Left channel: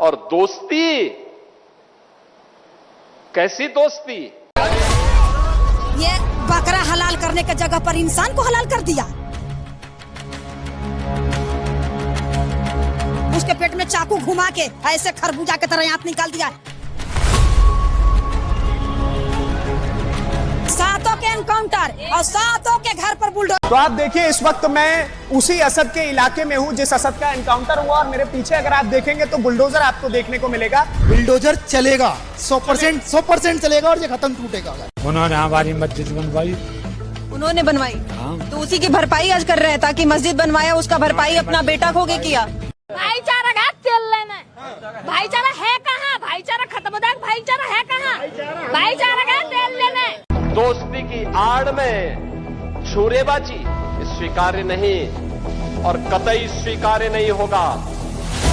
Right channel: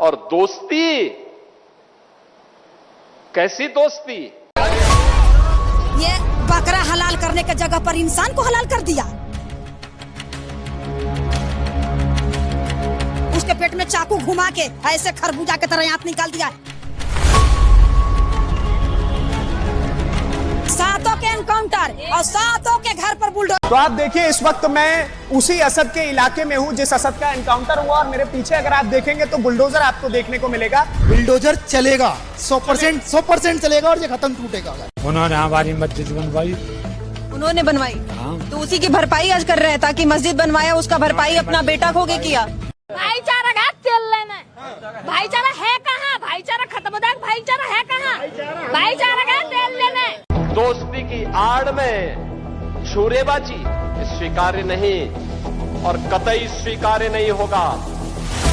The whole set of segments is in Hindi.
और दोस्ती, कैसी दोस्ती? ये बकरा हलाल करने की जगह पर इंसान को हलाल कर दिया। उसके पेट में चाकू घुमा के ऐसे खरबूजा की तरह आंत निकाल दिया। सातों के एनकाउंटर और सातों के घर पर बुलडोजर। तो आप देखिए, इस वक्त मैं उसी असद के इलाके में हूं जिस असद का एनकाउंटर हुआ, और मेरे पीछे अगर आप देखेंगे तो बुलडोजर आपको देखने को मिलेगा। बुलडोजर चलेगा 100% चलेगा और ये खत्म टूटेगा। उन्होंने हमारी मस्जिद बनवाई, उन्होंने बनवाई, तो उसी की भरपाई आज कर रहे हैं, ताकि मस्जिद बनवाया उसका भरपाई अपना बेटा खो के किया। भाईचारा का तेल लेना, भाईचारा है कहाँ? भाईचारा खत्म हो जाए, भाईचारा है कहाँ? भाईचारा का तेल लेना। दोस्ती की आड़ में छुरेबाजी स्वीकार्य नहीं और कतई स्वीकार्य नहीं होगा।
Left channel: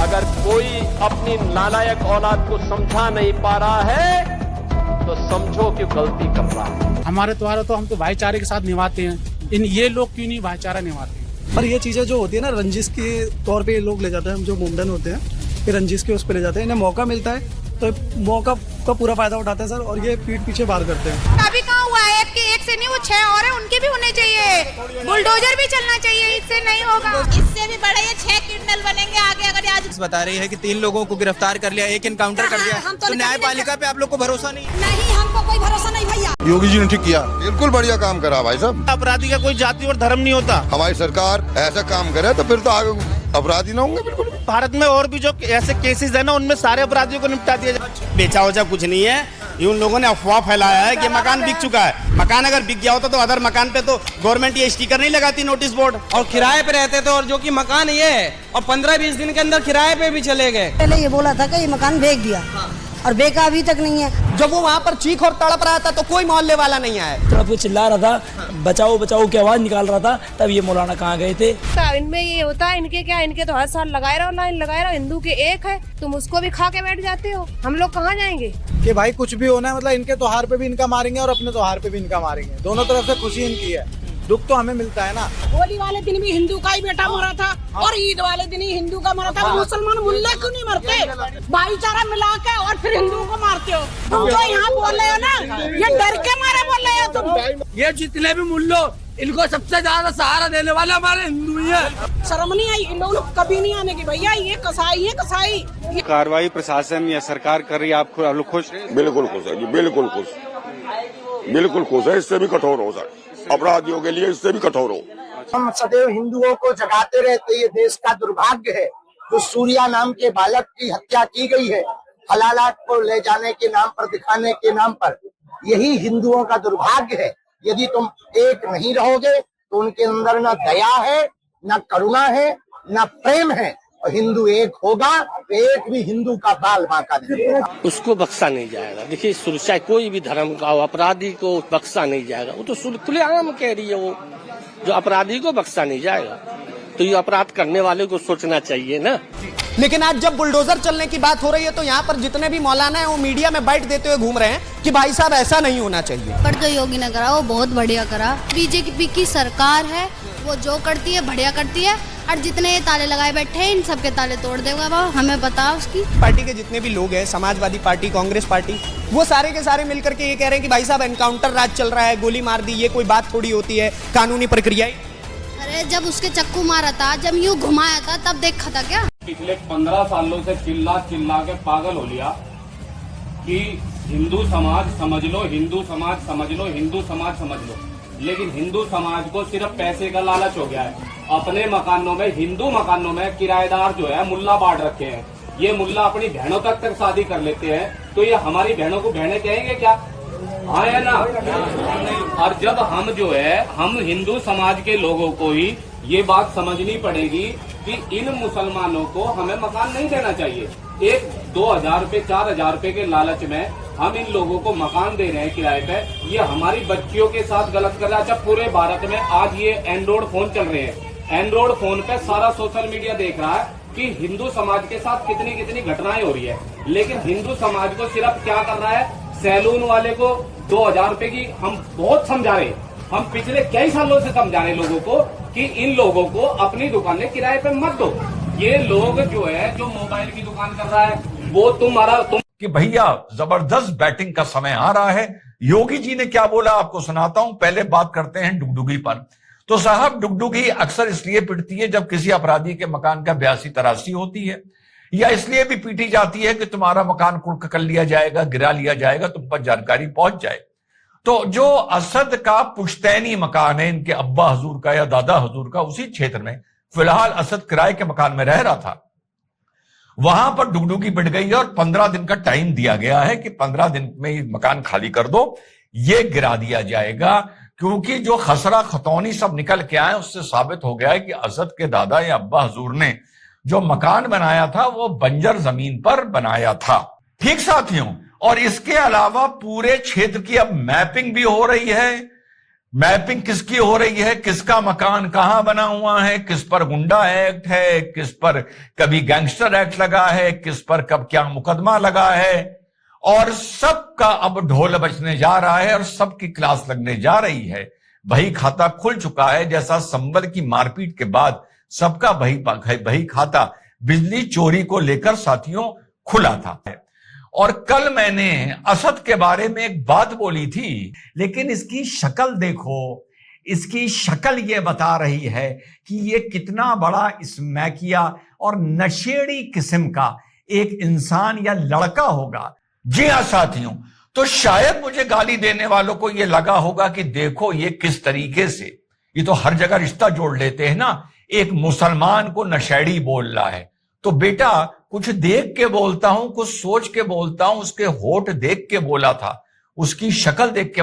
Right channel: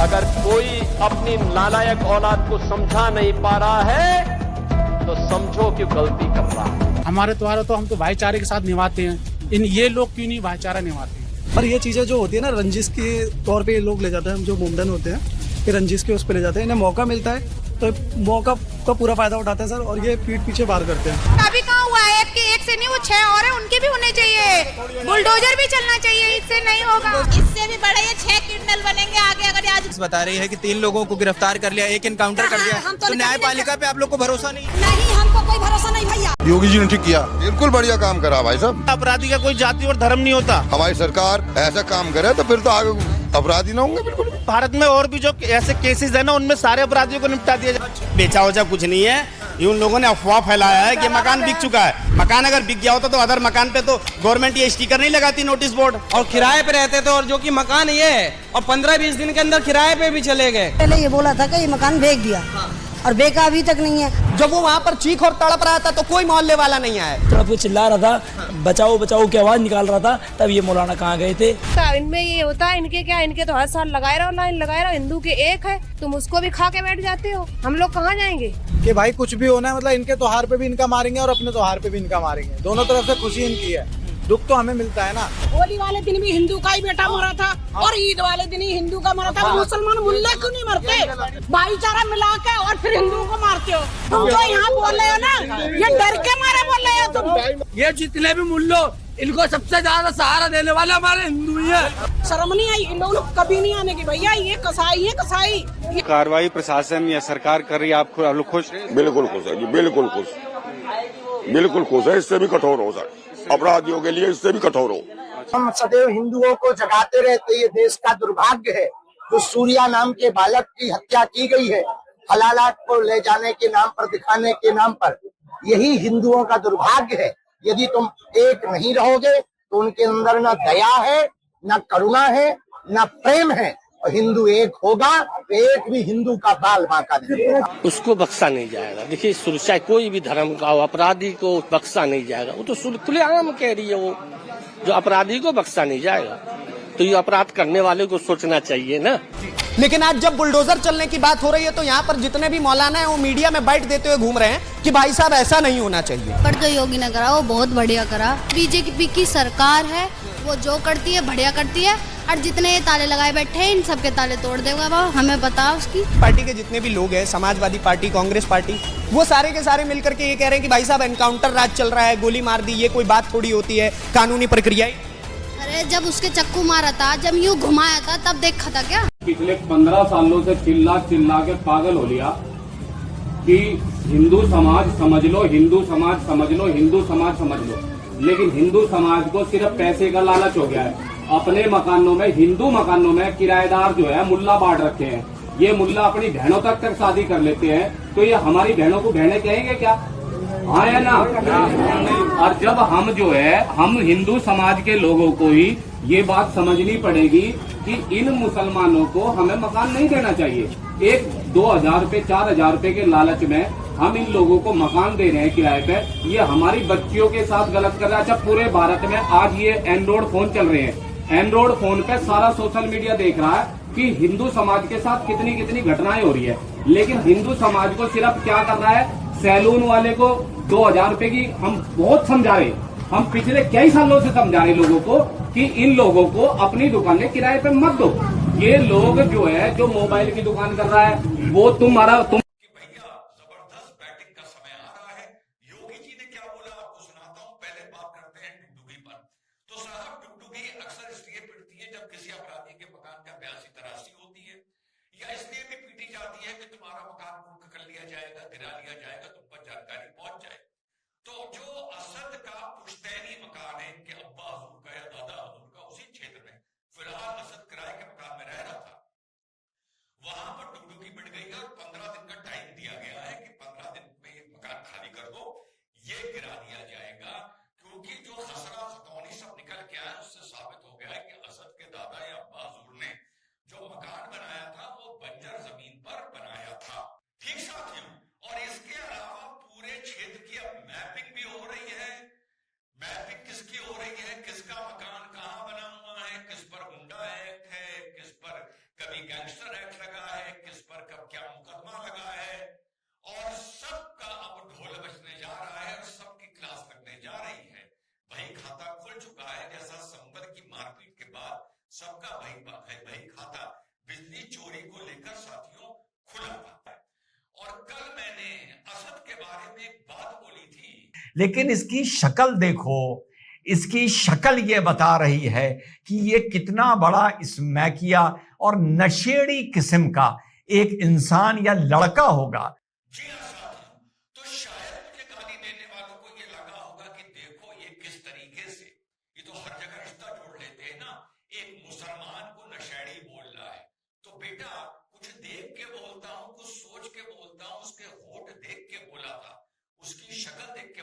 अगर कोई अपनी नालायक औलाद को समझा नहीं पा रहा है तो समझो कि गलती कर रहा है। हमारे त्योहार तो हम तो भाईचारे के साथ निभाते हैं, ये लोग क्यों नहीं भाईचारा निभाते हैं? पर ये चीजें जो होती है ना, रंजिश के तौर पे ये लोग ले जाते हैं, हम जो मुंडन होते हैं ये रंजिश के उस पे ले जाते हैं। इन्हें मौका मिलता है तो मौका का पूरा फायदा उठाते हैं सर, और ये पीठ पीछे बार करते हैं। अभी कहाँ हुआ है? एक से नहीं, वो 6 और है, उनके भी होने चाहिए। बुलडोजर भी चलना चाहिए, इससे नहीं होगा। इससे भी बड़े ये 6 क्रिमिनल बनेंगे आगे। अगर आज बता रही है कि 3 लोगों को गिरफ्तार कर लिया, 1 एनकाउंटर कर दिया, तो न्यायपालिका पे आप लोग को भरोसा नहीं? नहीं, हमको कोई भरोसा नहीं भैया। योगी जी ने ठीक किया, बिल्कुल बढ़िया काम करा भाई साहब। अपराधी का कोई जाति और धर्म नहीं होता। हमारी सरकार ऐसा काम करे तो फिर तो आगे अपराधी ना होंगे। बिल्कुल भारत में और भी जो ऐसे केसेस है ना, उनमें सारे अपराधियों को निपटा दिया जाए। बेचा वचा कुछ नहीं है, ये उन लोगों ने अफवाह फैलाया है कि मकान बिक चुका है। मकान अगर बिक गया होता तो अदर मकान पे तो गवर्नमेंट ये स्टिकर नहीं लगाती, नोटिस बोर्ड। और किराए पे रहते थे, और जो कि मकान ये है और 15-20 दिन के अंदर किराए पे भी चले गए। पहले ये बोला था कि ये मकान बेच दिया, और बेचा अभी तक नहीं है। जब वो वहाँ पर चीख और तड़प रहा था तो कोई मोहल्ले वाला नहीं आया। तड़प वो चिल्ला रहा था, बचाओ बचाओ की आवाज निकाल रहा था, तब ये मौलाना कहाँ गए थे। इनमें ये होता है, इनके क्या, इनके तो हर साल लगाए रहो, लाइन लगाए रहो। हिंदू के एक है, तुम उसको भी खा के बैठ जाते हो। हम लोग कहाँ जाएंगे? कि भाई कुछ भी होना है, मतलब इनके त्योहार पे भी इनका मारेंगे और अपने त्योहार पे भी इनका मारेंगे। दोनों तरफ से खुशी इनकी है, दुख तो हमें मिलता है ना। होली वाले दिन भी हिंदू का ही बेटा मरा था, और ईद वाले दिन ही हिंदू का मरा था। मुसलमान मुल्ले क्यों नहीं मरते? भाईचारा मिला के और फिर हिंदू को मारते हो। तुम जो यहाँ बोल रहे हो ना, ये डर के मारे बोल रहे हो तुम। ये जितने भी मुल्लो, इनको सबसे ज्यादा सहारा देने वाले हमारे हिंदू ही है। शर्म नहीं आई इन लोगों को कभी नहीं आने की भैया। ये कसाई है, कसाई। कार्रवाई प्रशासन या सरकार कर रही है, आप लोग खुश? बिल्कुल खुश है जी, बिल्कुल खुश, बिल्कुल खुश है। इससे भी कठोर हो सर, अपराधियों के लिए इससे भी कठोर हो। हम सदैव हिंदुओं को जगाते रहते, ये देश का दुर्भाग्य है। जो सूर्या नाम के बालक की हत्या की गई है, हलालात को ले जाने के नाम पर, दिखाने के नाम पर, यही हिंदुओं का दुर्भाग्य है। यदि तुम एक नहीं रहोगे तो उनके अंदर न दया है, न करुणा है, न प्रेम है। और हिंदू एक होगा तो एक भी हिंदू का बाल बांका नहीं होगा। उसको बख्शा नहीं जाएगा। देखिए, सुरक्षा कोई भी धर्म का हो, अपराधी को बख्शा नहीं जाएगा। वो तो खुलेआम कह रही है, वो जो अपराधी को बख्शा नहीं जाएगा। तो ये अपराध करने वाले को सोचना चाहिए ना। लेकिन आज जब बुलडोजर चलने की बात हो रही है तो यहाँ पर जितने भी मौलाना है वो मीडिया में बाइट देते हुए घूम रहे हैं कि भाई साहब ऐसा नहीं होना चाहिए। पर जो योगी ने करा वो बहुत बढ़िया करा। बीजेपी की सरकार है, वो जो करती है बढ़िया करती है, और जितने ये ताले लगाए बैठे हैं इन सबके ताले तोड़ देगा वो, हमें पता उसकी। पार्टी के जितने भी लोग हैं, समाजवादी पार्टी, कांग्रेस पार्टी, वो सारे के सारे मिलकर के ये कह रहे हैं कि भाई साहब एनकाउंटर राज चल रहा है, गोली मार दी, ये कोई बात थोड़ी होती है, कानूनी प्रक्रिया। अरे जब उसके चक्कू मारा था, जब यूँ घुमाया था, तब देखा था क्या? पिछले 15 सालों से चिल्ला चिल्ला के पागल हो लिया कि हिंदू समाज समझ लो, हिंदू समाज समझ लो, हिंदू समाज समझ लो। लेकिन हिंदू समाज को सिर्फ पैसे का लालच हो गया है। अपने मकानों में, हिंदू मकानों में किराएदार जो है मुल्ला बांट रखे हैं। ये मुल्ला अपनी बहनों तक शादी कर लेते हैं, तो ये हमारी बहनों को बहने कहेंगे क्या? हाँ है ना। और जब हम जो है, हम हिंदू समाज के लोगों को ही ये बात समझनी पड़ेगी कि इन मुसलमानों को हमें मकान नहीं देना चाहिए। 1-2 रुपए 4,000 रुपए के लालच में हम इन लोगों को मकान दे रहे हैं किराए पे। ये हमारी बच्चियों के साथ गलत कर रहा है। अच्छा, पूरे भारत में आज ये एंड्रॉइड फोन चल रहे हैं, एंड्रॉइड फोन पे सारा सोशल मीडिया देख रहा है कि हिंदू समाज के साथ कितनी कितनी घटनाएं हो रही है। लेकिन हिंदू समाज को सिर्फ क्या कर रहा है, सैलून वाले को 2,000 रुपए की, हम बहुत समझा रहे, हम पिछले कई सालों से समझा रहे लोगों को कि इन लोगों को अपनी दुकानें किराए पे मत दो। ये लोग जो है, जो मोबाइल की दुकान कर रहा है, वो तुम कि भैया जबरदस्त बैटिंग का समय आ रहा है। योगी जी ने क्या बोला आपको सुनाता हूं। पहले बात करते हैं डुगडुगी पर। तो साहब, डुगडुगी अक्सर इसलिए पिटती है जब किसी अपराधी के मकान का 82-83 होती है, या इसलिए भी पीटी जाती है कि तुम्हारा मकान कुर्क कर लिया जाएगा, गिरा लिया जाएगा, तुम पर जानकारी पहुंच जाए। तो जो असद का पुश्तैनी मकान है, इनके अब्बा हजूर का या दादा हजूर का, उसी क्षेत्र में फिलहाल असद किराए के मकान में रह रहा था। वहां पर डुगडुगी बिट गई है और 15 दिन का टाइम दिया गया है कि 15 दिन में ये मकान खाली कर दो, ये गिरा दिया जाएगा। क्योंकि जो खसरा खतौनी सब निकल के आए, उससे साबित हो गया है कि असद के दादा या अब्बा हजूर ने जो मकान बनाया था वो बंजर जमीन पर बनाया था। ठीक साथियों, और इसके अलावा पूरे क्षेत्र की अब मैपिंग भी हो रही है। मैपिंग किसकी हो रही है, किसका मकान कहां बना हुआ है, किस पर गुंडा एक्ट है, किस पर कभी गैंगस्टर एक्ट लगा है, किस पर कब क्या मुकदमा लगा है, और सबका अब ढोल बजने जा रहा है और सबकी क्लास लगने जा रही है। बही खाता खुल चुका है। जैसा संबल की मारपीट के बाद सबका बही खाता बिजली चोरी को लेकर साथियों खुला था। और कल मैंने असद के बारे में एक बात बोली थी, लेकिन इसकी शक्ल देखो, इसकी शक्ल ये बता रही है कि ये कितना बड़ा स्मैकिया और नशेड़ी किस्म का एक इंसान या लड़का होगा। जी हाँ साथियों, तो शायद मुझे गाली देने वालों को ये लगा होगा कि देखो ये किस तरीके से, ये तो हर जगह रिश्ता जोड़ लेते हैं ना, एक मुसलमान को नशेड़ी बोल रहा है। तो बेटा, कुछ देख के बोलता हूं, कुछ सोच के बोलता हूं, उसके होठ देख के बोला था, उसकी शक्ल देख के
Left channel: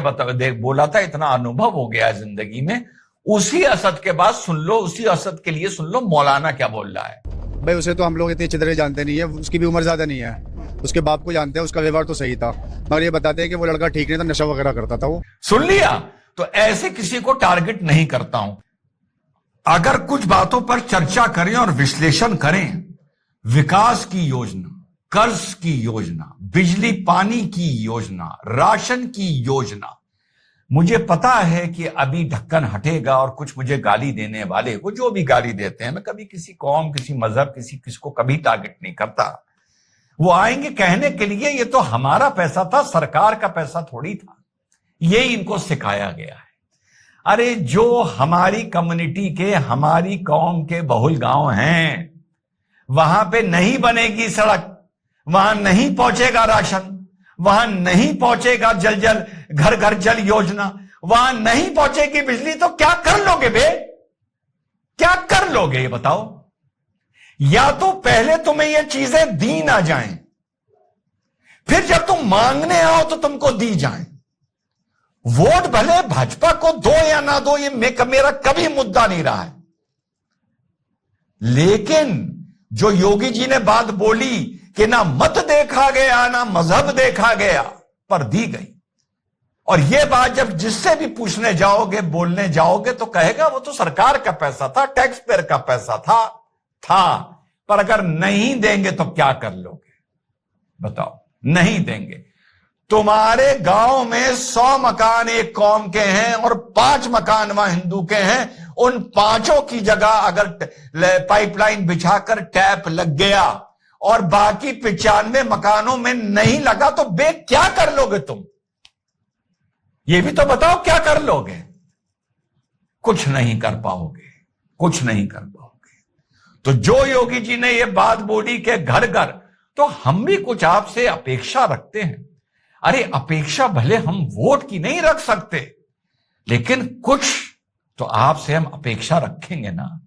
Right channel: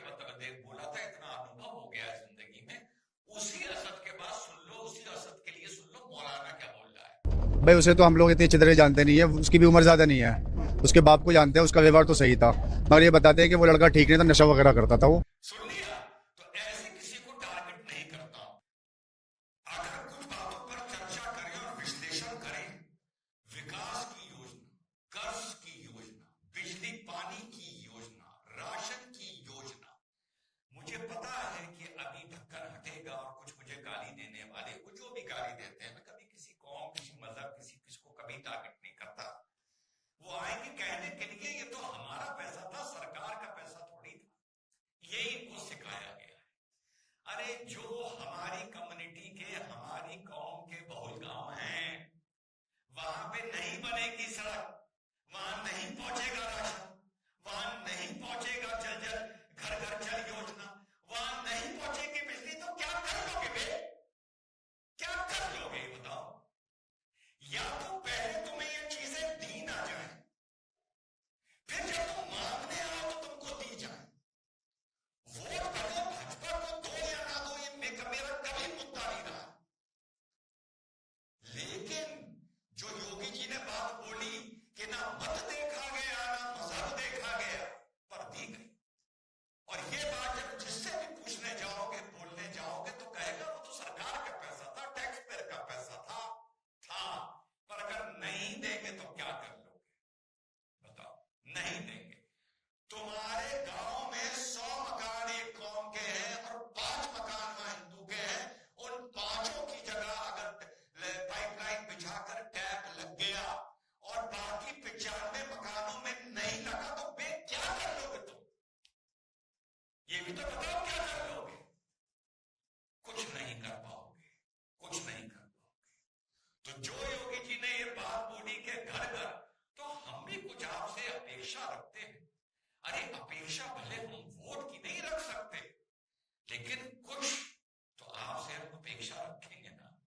बोला था। इतना अनुभव हो गया है जिंदगी में। उसी असद के बाद सुन लो, उसी असद के लिए सुन लो मौलाना क्या बोल रहा है। भाई उसे तो हम लोग इतनी अच्छी तरह जानते नहीं है, उसकी भी उम्र ज्यादा नहीं है, उसके बाप को जानते हैं, उसका व्यवहार तो सही था, मगर ये बताते हैं कि वो लड़का ठीक नहीं था, नशा वगैरह करता था वो। सुन लिया? तो ऐसे किसी को टारगेट नहीं करता हूं। अगर कुछ बातों पर चर्चा करें और विश्लेषण करें, विकास की योजना, कर्ज की योजना, बिजली पानी की योजना, राशन की योजना, मुझे पता है कि अभी ढक्कन हटेगा और कुछ मुझे गाली देने वाले, वो जो भी गाली देते हैं, मैं कभी किसी कौम, किसी मजहब, किसको कभी टारगेट नहीं करता। वो आएंगे कहने के लिए ये तो हमारा पैसा था, सरकार का पैसा थोड़ी था। ये इनको सिखाया गया है। अरे जो हमारी कम्युनिटी के, हमारी कौम के बहुल गांव हैं, वहां पे नहीं बनेगी सड़क, वहां नहीं पहुंचेगा राशन, वहां नहीं पहुंचेगा जल घर घर जल योजना, वहां नहीं पहुंचेगी बिजली, तो क्या कर लोगे बे? क्या कर लोगे ये बताओ? या तो पहले तुम्हें ये चीजें दी ना जाएं, फिर जब तुम मांगने आओ तो तुमको दी जाएं। वोट भले भाजपा को दो या ना दो, ये मेरा कभी मुद्दा नहीं रहा है, लेकिन जो योगी जी ने बात बोली कि ना मत देखा गया ना मजहब देखा गया, पर दी गई। और यह बात जब जिससे भी पूछने जाओगे, बोलने जाओगे, तो कहेगा वो तो सरकार का पैसा था, टैक्स पेयर का पैसा था। पर अगर नहीं देंगे तो क्या कर लोगे बताओ? नहीं देंगे। तुम्हारे गांव में 100 मकान एक कौम के हैं और 5 मकान वहां हिंदू के हैं। उन 5 की जगह अगर पाइपलाइन बिछाकर टैप लग गया और बाकी 95 मकानों में नहीं लगा, तो बे क्या कर लोगे तुम? ये भी तो बताओ, क्या कर लोगे? कुछ नहीं कर पाओगे, कुछ नहीं कर पाओगे। तो जो योगी जी ने ये बात बोली कि घर घर, तो हम भी कुछ आपसे अपेक्षा रखते हैं। अरे अपेक्षा भले हम वोट की नहीं रख सकते, लेकिन कुछ तो आपसे हम अपेक्षा रखेंगे ना,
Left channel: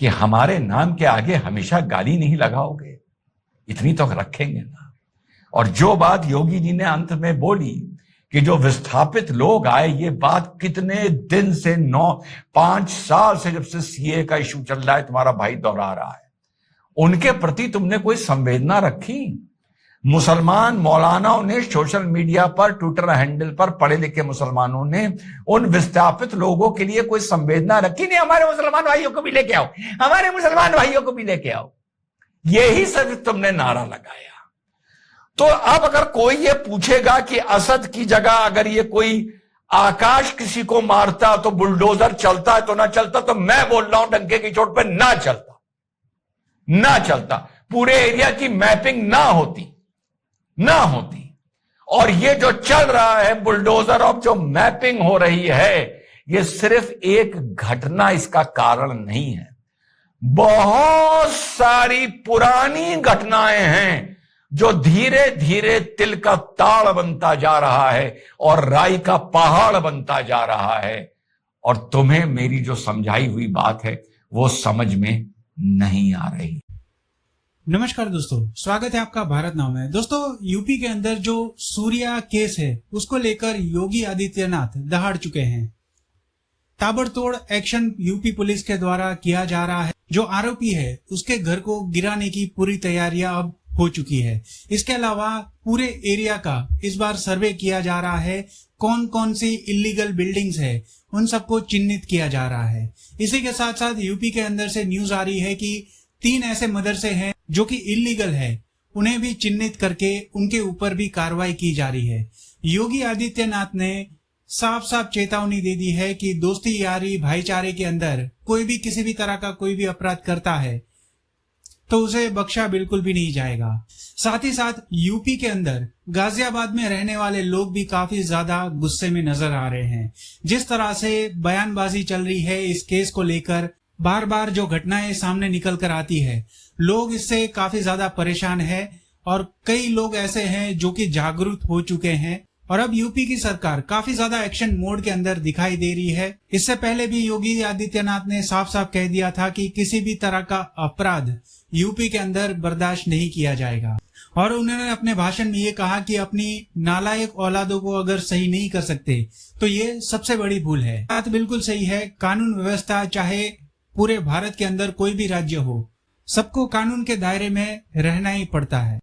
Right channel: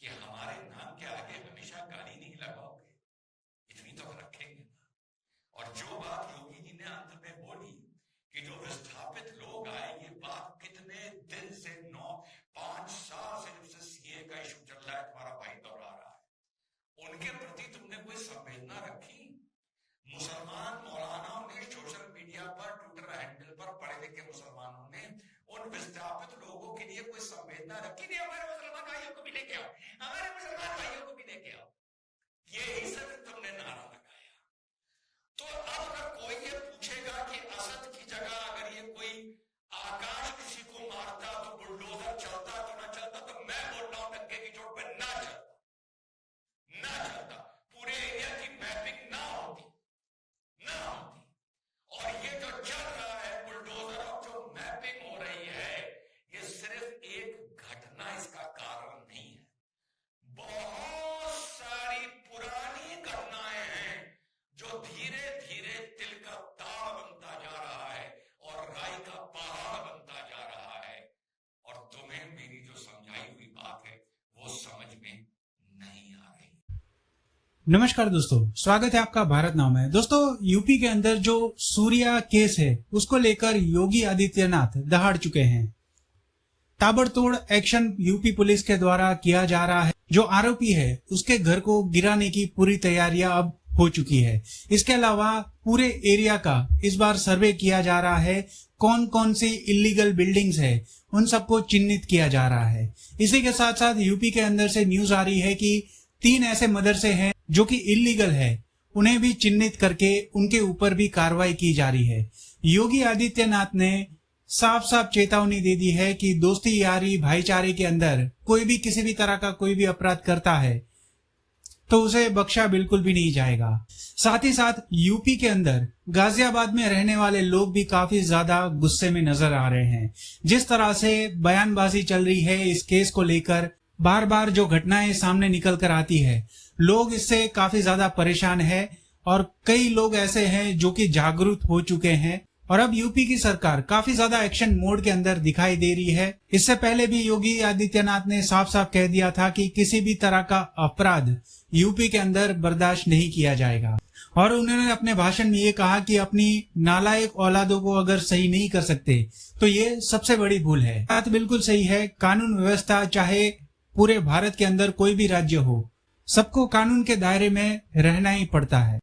कि हमारे नाम के आगे हमेशा गाली नहीं लगाओगे, इतनी तो रखेंगे ना। और जो बात योगी जी ने अंत में बोली कि जो विस्थापित लोग आए, ये बात कितने दिन से 5 साल से जब से सीए का इशू चल रहा है, तुम्हारा भाई दोहरा रहा है, उनके प्रति तुमने कोई संवेदना रखी? मुसलमान मौलानाओं ने सोशल मीडिया पर, ट्विटर हैंडल पर, पढ़े लिखे मुसलमानों ने उन विस्थापित लोगों के लिए कोई संवेदना रखी? नहीं, हमारे मुसलमान भाइयों को भी लेके आओ, हमारे मुसलमान भाइयों को भी लेके आओ। यही सब तुमने नारा लगाया। तो अब अगर कोई ये पूछेगा कि असद की जगह अगर ये कोई आकाश किसी को मारता तो बुलडोजर चलता है तो ना चलता, तो मैं बोल रहा हूं डंके की चोट पे ना चलता, ना चलता, पूरे एरिया की मैपिंग ना होती, और ये जो चल रहा है बुलडोजर ऑफ जो मैपिंग हो रही है, ये सिर्फ एक घटना इसका कारण नहीं है। बहुत सारी पुरानी घटनाएं हैं जो धीरे धीरे तिल का ताड़ बनता जा रहा है और राई का पहाड़ बनता जा रहा है, और तुम्हें मेरी जो समझाई हुई बात है वो समझ में नहीं आ रही। नमस्कार दोस्तों, स्वागत है आपका भारत नाव में। दोस्तों, यूपी के अंदर जो सूर्या केस है उसको लेकर योगी आदित्यनाथ दहाड़ चुके हैं। ताबड़तोड़ एक्शन यूपी पुलिस के द्वारा किया जा रहा है। जो आरोपी है उसके घर को गिराने की पूरी तैयारियां अब हो चुकी है। इसके अलावा पूरे एरिया का इस बार सर्वे किया जा रहा है। कौन कौन सी इलीगल बिल्डिंग्स है उन सबको चिन्हित किया जा रहा है। इसी के साथ साथ यूपी के अंदर से न्यूज आ रही है कि 3 ऐसे मदरसे हैं जो कि इलीगल है, उन्हें भी चिन्हित करके उनके ऊपर भी कार्रवाई की जा रही है। योगी आदित्यनाथ ने साफ साफ चेतावनी दे दी है कि दोस्ती यारी भाईचारे के अंदर कोई भी किसी भी तरह का कोई भी अपराध करता है तो उसे बख्शा बिल्कुल भी नहीं जाएगा। साथ ही साथ यूपी के अंदर गाजियाबाद में रहने वाले लोग भी काफी ज्यादा गुस्से में नजर आ रहे हैं। जिस तरह से बयानबाजी चल रही है इस केस को लेकर, बार बार जो घटनाएं सामने निकल कर आती है, लोग इससे काफी ज्यादा परेशान है और कई लोग ऐसे हैं जो कि जागरूक हो चुके हैं। और अब यूपी की सरकार काफी ज्यादा एक्शन मोड के अंदर दिखाई दे रही है। इससे पहले भी योगी आदित्यनाथ ने साफ साफ कह दिया था कि किसी भी तरह का अपराध यूपी के अंदर बर्दाश्त नहीं किया जाएगा। और उन्होंने अपने भाषण में ये कहा कि अपनी नालायक औलादों को अगर सही नहीं कर सकते तो ये सबसे बड़ी भूल है। बात बिल्कुल सही है। कानून व्यवस्था चाहे पूरे भारत के अंदर कोई भी राज्य हो, सबको कानून के दायरे में रहना ही पड़ता है।